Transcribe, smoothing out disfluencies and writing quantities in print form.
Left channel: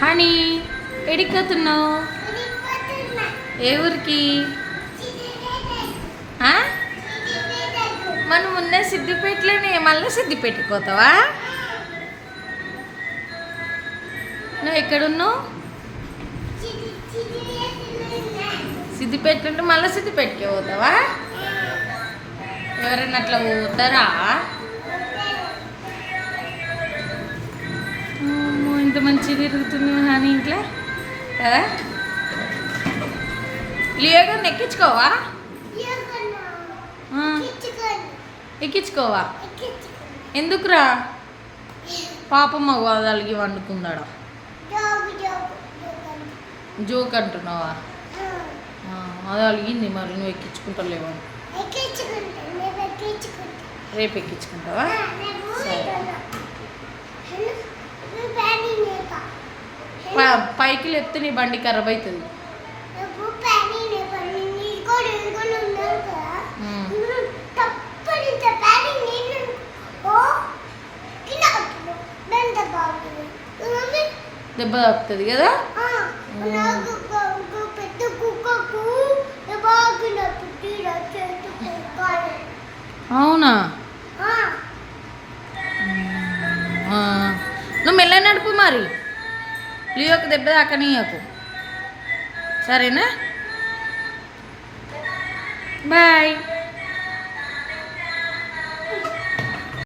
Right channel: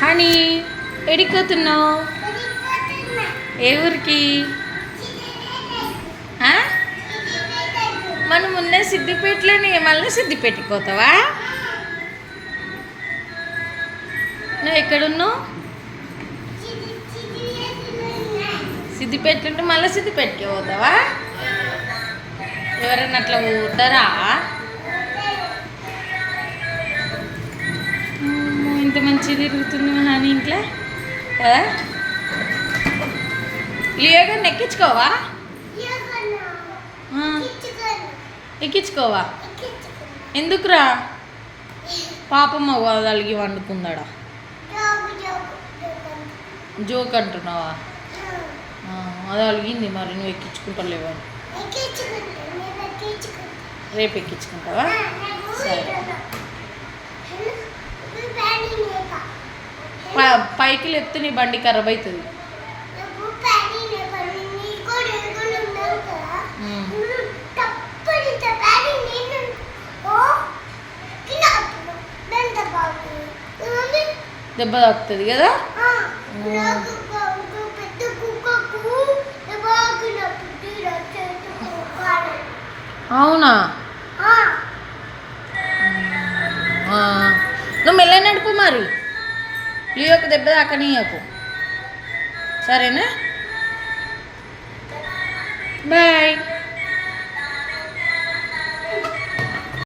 Honey ఎడిపోతున్నావు? ఏ ఊరికి? మనం ఉన్న సిద్దిపేటలోనే మళ్ళీ సిద్దిపేటకి పోతావా? నువ్వు ఎక్కడున్నావు? సిద్దిపేట ఉంటే మళ్ళీ సిద్దిపేటకి పోతావా? ఎవరైనా అట్లా పోతారా? ఇంత మంచిగా తిరుగుతుంది హాని ఇంట్లో కదా. లియోగా ఎక్కించుకోవా? ఎక్కించుకోవా? ఎందుకురా? పాపమ్మ అలిగి వండుకుందాడా? జోక్ అంటున్నావా? అది అలిగింది మరి, నువ్వు ఎక్కించుకుంటలేవా? రేపు ఎక్కించుకుంటావా? సరే. పైకి లేపితే నీ బండి ఖరాబ్ అవుతుంది. దెబ్బ తాకుతుంది కదా. అవునా? నువ్వు మెల్ల నడుపు మరి, లియోకి దెబ్బ తాకనీయకు. సరేనా? బాయ్.